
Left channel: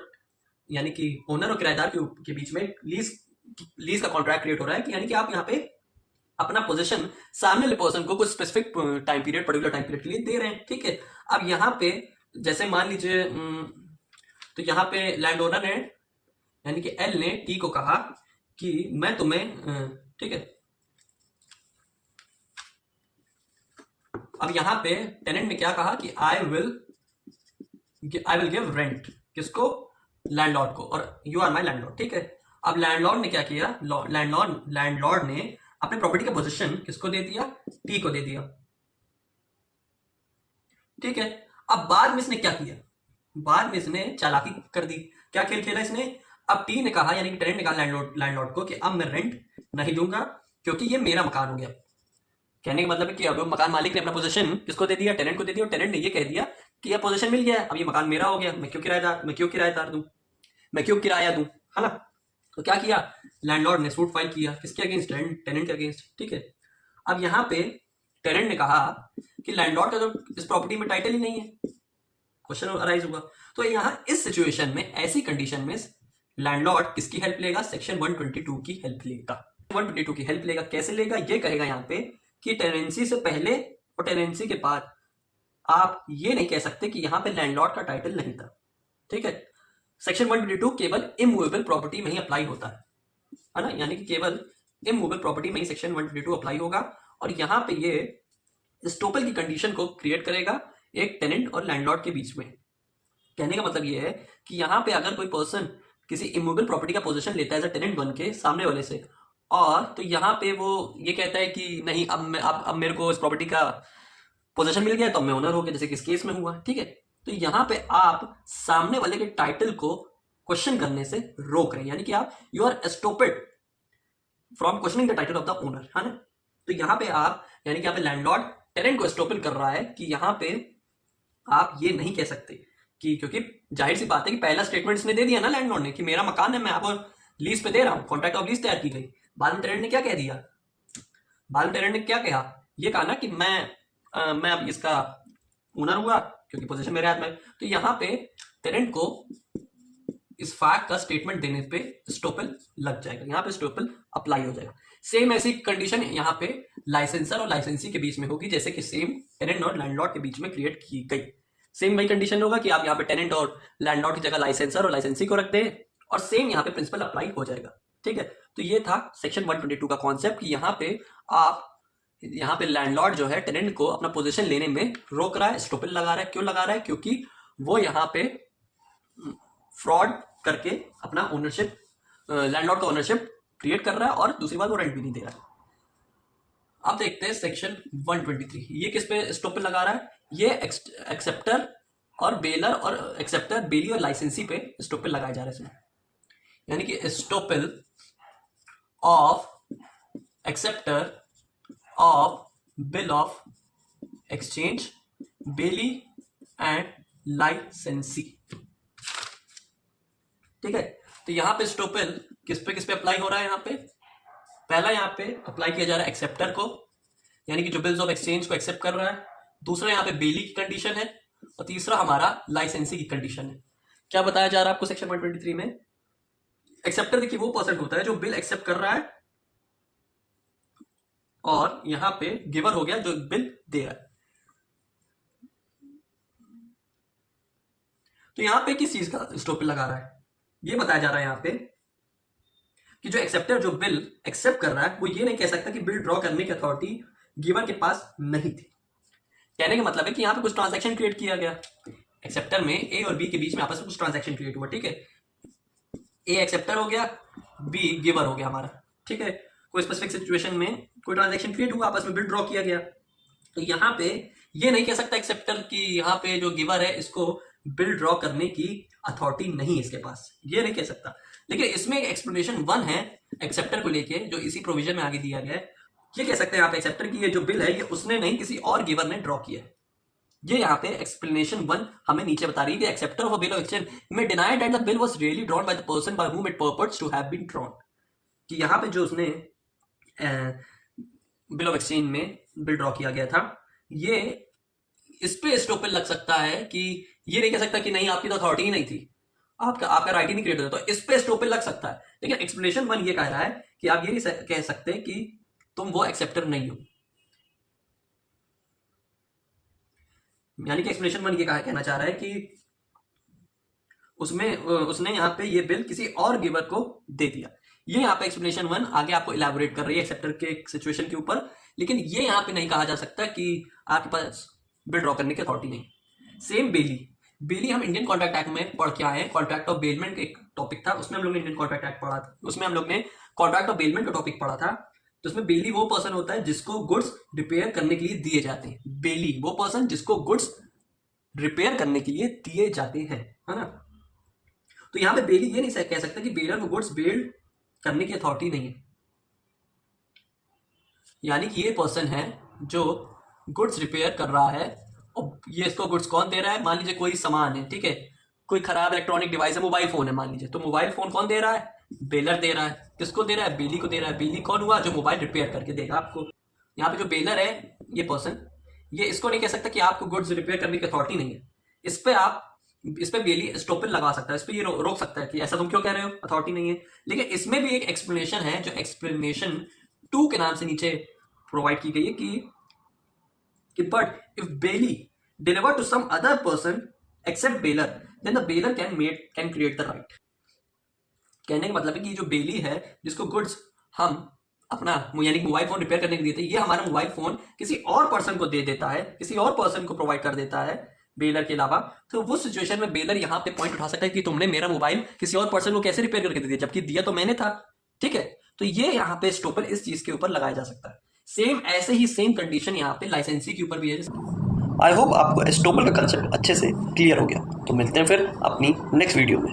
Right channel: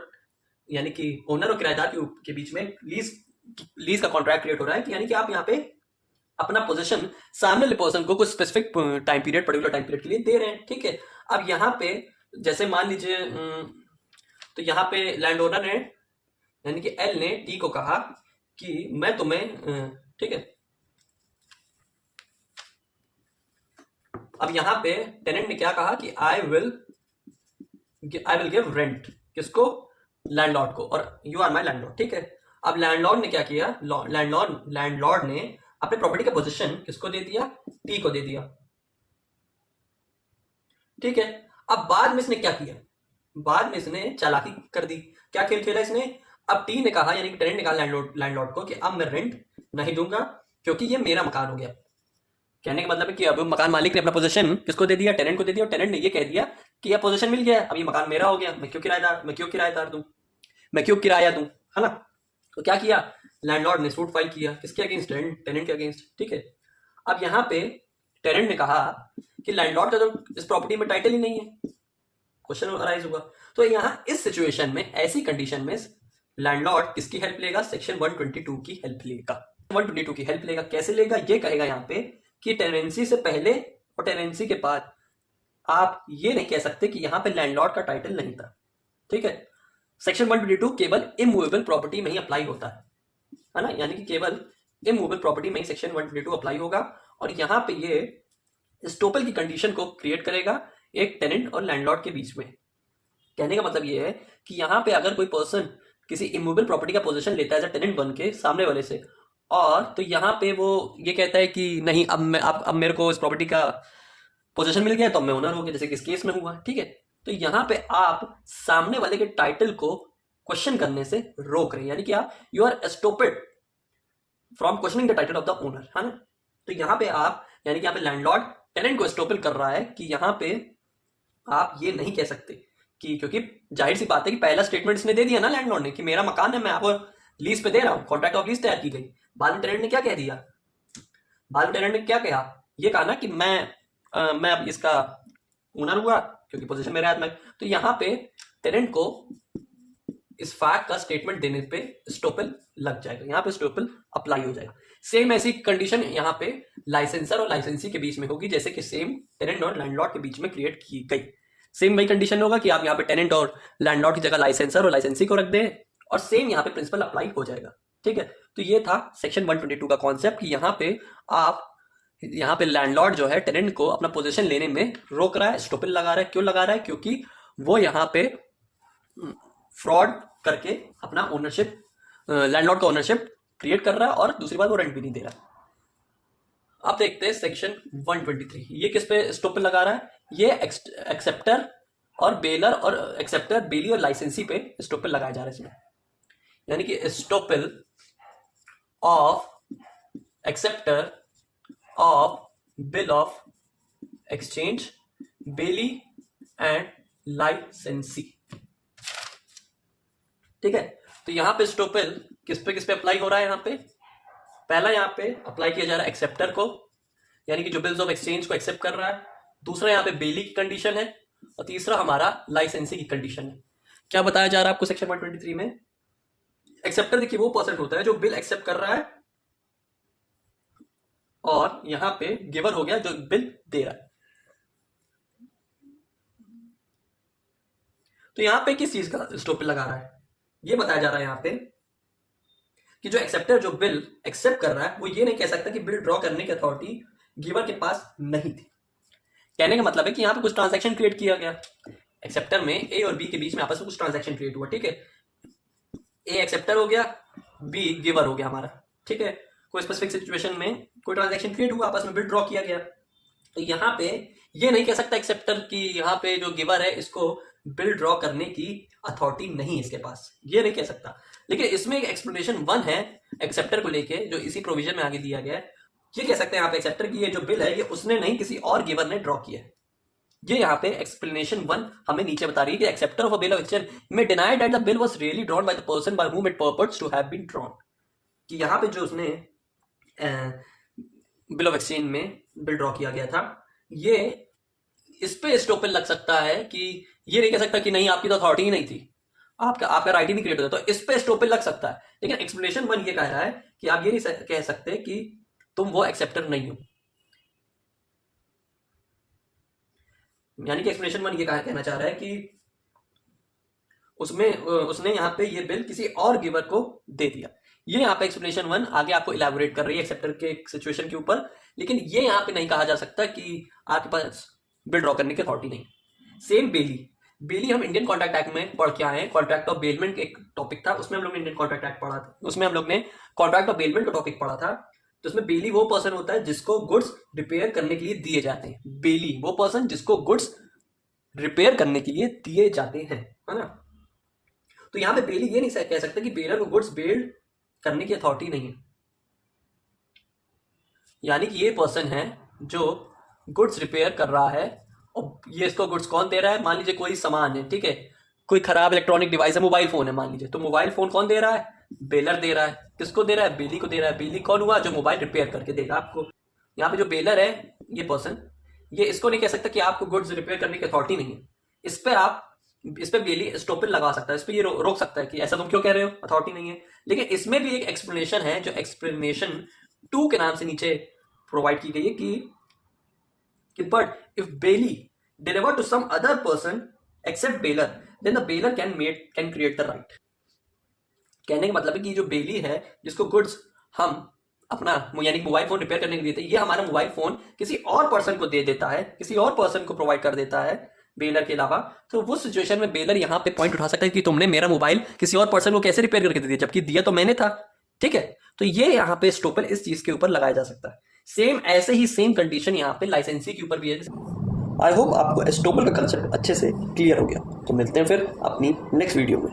यानी कि ओनर और किराएदार के बीच में लीज का कॉन्ट्रैक्ट क्रिएट हो रहा है कि यानी कि आप यहाँ पे अपना पोजीशन सामने वाले पर्सन को कुछ specific time period, particular time period के लिए दे रहे हैं। ठीक है, अब यहाँ पे जैसे मान लीजिए तो यहाँ पे लैंड ओनर ने यानी कि एल ने टी को कहा कि मैं तुम्हें, ठीक है, अब यहाँ पे टेनेंट ने क्या कहा कि आई विल गिव रेंट, किसको, लैंडलॉर्ड को, और यू आर माय लैंडलॉर्ड। ठीक है, अब लैंडलॉर्ड ने क्या किया, लैंडलॉर्ड ने अपने प्रॉपर्टी का पोजीशन किसको दे दिया, टी को दे दिया। ठीक है, अब बाद में इसने क्या किया, बाद में इसने चालाकी कर दी। क्या खेल खेला इसने, अब टी ने कहा यानी कि टेनेंट ने कहा लैंडलॉर्ड को कि अब मैं रेंट नहीं दूंगा, क्योंकि ये मेरा मकान हो गया। कहने का मतलब है कि अब मकान मालिक ने अपना पोजीशन किसको दे दिया, टेनेंट को दे दिया, और टेनेंट ने ये कह दिया कि यह पोजीशन मिल गया है, अब ये मकान मेरा हो गया, मैं क्यों किराएदार दूं, मैं क्यों किराया दूं, है ना। तो क्या किया, लैंडलॉर्ड ने सूट फाइल किया, किसके अगेंस्ट, टेनेंट के अगेंस्ट। ठीक है, अब यहाँ पे टेनेंट ने कहा कि लैंडलॉर्ड का तो इस प्रॉपर्टी में टाइटल ही नहीं है, क्वेश्चन अराइज होगा। तो यहाँ इस सिचुएशन में, ऐसी कंडीशन में लैंडलॉर्ड किसकी हेल्प लेगा, सेक्शन 122 की हेल्प लेगा। 122 की हेल्प लेगा, कैसे लेगा, ये कहेगा यहाँ पे कि टेनेंसी से पहले और टेनेंसी के बाद आप ये नहीं कह सकते कि यहाँ पे लैंडलॉर्ड का टाइटल नहीं था। ठीक है, सेक्शन 122 केवल इमूवेबल प्रॉपर्टी में ही अप्लाई होता है ना, यानी कि केवल इमूवेबल प्रॉपर्टी में ही सेक्शन 122 अप्लाई होगा। और यहाँ पे ये एस्टोपल की कंडीशन को क्रिएट करेगा एक टेनेंट और लैंडलॉर्ड के बीच में। कहने का मतलब ये है कि यहाँ पे अगर कोई पर्सन किसी इमूवेबल प्रॉपर्टी का पोजीशन लेता है एज टेनेंट बन के सामने वाले से, और तो यहाँ पे वो ये कहता है कि नहीं, अब मेरे को इस प्रॉपर्टी का पोजीशन मिल गया तो मैं ओनर हो गया, जैसे कि इस केस में हुआ। ठीक है, तो यहाँ पे आप सामने वाले के टाइटल को क्वेश्चन करने से रोक रहे हैं, यानी कि आप you are stopped from questioning the title of the owner, है ना। तो यहाँ पे आप, यानी कि यहाँ पे लैंडलॉर्ड टेनेंट को स्टॉपल कर रहा है कि यहाँ पे आप ये नहीं कह सकते कि, क्योंकि जाहिर सी बात है कि पहला स्टेटमेंट इसने दे दिया ना लैंडलॉर्ड ने कि मेरा मकान है, मैं आपको लीज पे दे रहा हूँ, कॉन्ट्रैक्ट ऑफ लीज तैयार की गई। बाद में टेनेंट ने क्या कह दिया, बाद में टेनेंट ने क्या कहा, ये कहा ना कि मैं अब इसका ओनर हुआ क्योंकि पोजीशन मेरे हाथ में। तो यहाँ पे टेनेंट को इस फैक्ट का स्टेटमेंट देने पे स्टॉपल लग जाएगा, यहाँ पे स्टॉपल अप्लाई हो जाएगा। सेम ऐसी कंडीशन यहाँ पे लाइसेंसर और लाइसेंसी के बीच में होगी, जैसे कि सेम टेनेंट और लैंडलॉर्ड के बीच में क्रिएट की गई। सेम वही कंडीशन होगा कि आप यहाँ पे टेनेंट और लैंडलॉर्ड की जगह लाइसेंसर और लाइसेंसी को रख दें, और सेम यहाँ पे प्रिंसिपल अप्लाई हो जाएगा। ठीक है, तो ये था सेक्शन 122 का कॉन्सेप्ट कि यहाँ पे आप, यहाँ पे लैंडलॉर्ड जो है टेनेंट को अपना पोजीशन लेने में रोक रहा है, स्टॉपल लगा रहा है। क्यों लगा रहा है, क्योंकि वो यहाँ पे फ्रॉड करके अपना ओनरशिप, लैंडलॉर्ड का ओनरशिप क्रिएट कर रहा है, और दूसरी बात वो रेंट भी नहीं दे रहा है। अब देखते हैं सेक्शन 123, ये किस पे स्टॉपल लगा रहा है, ये एक्सेप्टर और बेलर और एक्सेप्टर, बेली और लाइसेंसी पे स्टॉपल लगाया जा रहा है इसमें, यानी कि estoppel of acceptor of bill of exchange, bailee and licensee. ठीक है, तो यहां पे स्टॉपल किस पे अप्लाई हो रहा है, यहाँ पे पहला यहाँ पे अप्लाई किया जा रहा है एक्सेप्टर को, यानी कि जो बिल्स ऑफ एक्सचेंज को एक्सेप्ट कर रहा है। दूसरा यहाँ पे बेली की कंडीशन है, और तीसरा हमारा लाइसेंसी की कंडीशन है। क्या बताया जा रहा है आपको सेक्शन 123 में, एक्सेप्टर देखिए वो पर्सन होता है जो बिल एक्सेप्ट कर रहा है, और यहां पे गिवर हो गया जो बिल दे रहा है। तो यहां पे किस चीज का स्टॉपल लगा रहा है, ये बताया जा रहा है यहाँ पे कि जो एक्सेप्टर जो बिल एक्सेप्ट कर रहा है वो ये नहीं कह सकता कि बिल ड्रॉ करने की अथॉरिटी गिवर के पास नहीं थी। कहने का मतलब है कि यहाँ पे कुछ ट्रांजैक्शन क्रिएट किया गया, एक्सेप्टर में ए और बी के बीच में आपस में कुछ ट्रांजैक्शन क्रिएट हुआ। ठीक है, ए एक्सेप्टर हो गया, बी गिवर हो गया हमारा। ठीक है, कोई स्पेसिफिक सिचुएशन में कोई ट्रांजैक्शन क्रिएट हुआ, आपस में बिल ड्रॉ किया गया। तो यहाँ पे ये नहीं कह सकता एक्सेप्टर कि यहाँ पे जो गिवर है इसको बिल ड्रॉ करने की अथॉरिटी नहीं है इसके पास, ये नहीं कह सकता। लेकिन इसमें एक्सप्लेनेशन 1 है एक्सेप्टर को लेके, जो इसी प्रोविजन में आगे दिया गया है। ये कह सकते हैं आप एक्सेप्टर की ये जो बिल है ये उसने नहीं, किसी और गिवर ने ड्रॉ किया है। ये यहाँ पे एक्सप्लेनेशन 1 हमें नीचे बता रही है कि acceptor of a bill of exchange में denied that the bill was really drawn by the person by whom it purported to have been drawn, कि यहाँ पे जो उसने बिल ऑफ एक्सचेंज में बिल ड्रॉ किया गया था, ये इस पे स्टॉपल लग सकता है कि ये नहीं कह सकता कि नहीं आपकी तो अथॉरिटी ही नहीं थी, आपका राइट ही नहीं क्रिएट होता, तो इस पे स्टॉपल लग सकता है। लेकिन एक्सप्लेनेशन 1 ये कह रहा है कि आप ये नहीं कह सकते कि तुम वो एक्सेप्टर नहीं हो, यानी कि एक्सप्लेनेशन 1 ये कहना चाह रहा है कि उसने यहाँ पे ये बिल किसी और गिवर को दे दिया। ये यहाँ पे एक्सप्लेनेशन 1 आगे आपको इलैबोरेट कर रही है एक्सेप्टर के सिचुएशन के ऊपर, लेकिन ये यहाँ पे नहीं कहा जा सकता कि आपके पास बिल ड्रॉ करने की अथॉरिटी नहीं। सेम बेली हम इंडियन कॉन्ट्रैक्ट एक्ट में पढ़ के आए हैं, कॉन्ट्रैक्ट ऑफ बेलमेंट एक टॉपिक था, उसमें हम लोग ने इंडियन कॉन्ट्रैक्ट एक्ट पढ़ा था, उसमें हम लोग ने कॉन्ट्रैक्ट ऑफ बेलमेंट का टॉपिक पढ़ा था। तो उसमें बेली वो पर्सन होता है जिसको गुड्स रिपेयर करने के लिए दिए जाते हैं, बेली वो पर्सन जिसको गुड्स रिपेयर करने के लिए दिए जाते हैं, है ना। तो यहाँ पे बेली ये नहीं कह सकता कि बेलर को गुड्स बिल्ड करने की अथॉरिटी नहीं है। यानी कि ये पर्सन है जो गुड्स रिपेयर कर रहा है, और ये इसको गुड्स कौन दे रहा है? मान लीजिए कोई सामान है, ठीक है, कोई खराब इलेक्ट्रॉनिक डिवाइस है, मोबाइल फोन है मान लीजिए, तो मोबाइल फोन कौन दे रहा है? बेलर दे रहा है। किसको दे रहा है? बेली को दे रहा है। बेली कौन हुआ? जो मोबाइल रिपेयर करके देगा आपको। यहाँ पे जो बेलर है, ये पर्सन, ये इसको नहीं कह सकता कि आपको गुड्स रिपेयर करने की अथॉरिटी नहीं है। इस पे बेली स्टॉपिल लगा सकता है, इस पे ये रोक सकता है कि ऐसा तुम क्यों कह रहे हो, अथॉरिटी नहीं है। लेकिन इसमें भी एक एक्सप्लेनेशन है, जो एक्सप्लेनेशन 2 के नाम से नीचे प्रोवाइड की गई है कि but if bailee deliver to some other person except bailor, then the bailor can create the right. कहने का मतलब है कि जो बेली है, जिसको गुड्स हम अपना यानी मोबाइल फोन रिपेयर करने के लिए थे, ये हमारा मोबाइल फोन किसी और पर्सन को दे देता है, किसी और पर्सन को प्रोवाइड कर देता है बेलर के अलावा, तो वो सिचुएशन में बेलर यहाँ पे पॉइंट उठा सकता है कि तुमने मेरा मोबाइल किसी और पर्सन को कैसे रिपेयर करके दे दिया, जबकि दिया तो मैंने था। ठीक है, तो ये यहाँ पे स्टॉपर इस चीज के ऊपर लगाया जा सकता है। सेम ऐसे ही सेम कंडीशन यहाँ पे लाइसेंसी के ऊपर भी है। आई होप आपको एस्टोपल का कंसेप्ट अच्छे से क्लियर हो गया। तो मिलते हैं फिर अपनी नेक्स्ट वीडियो में।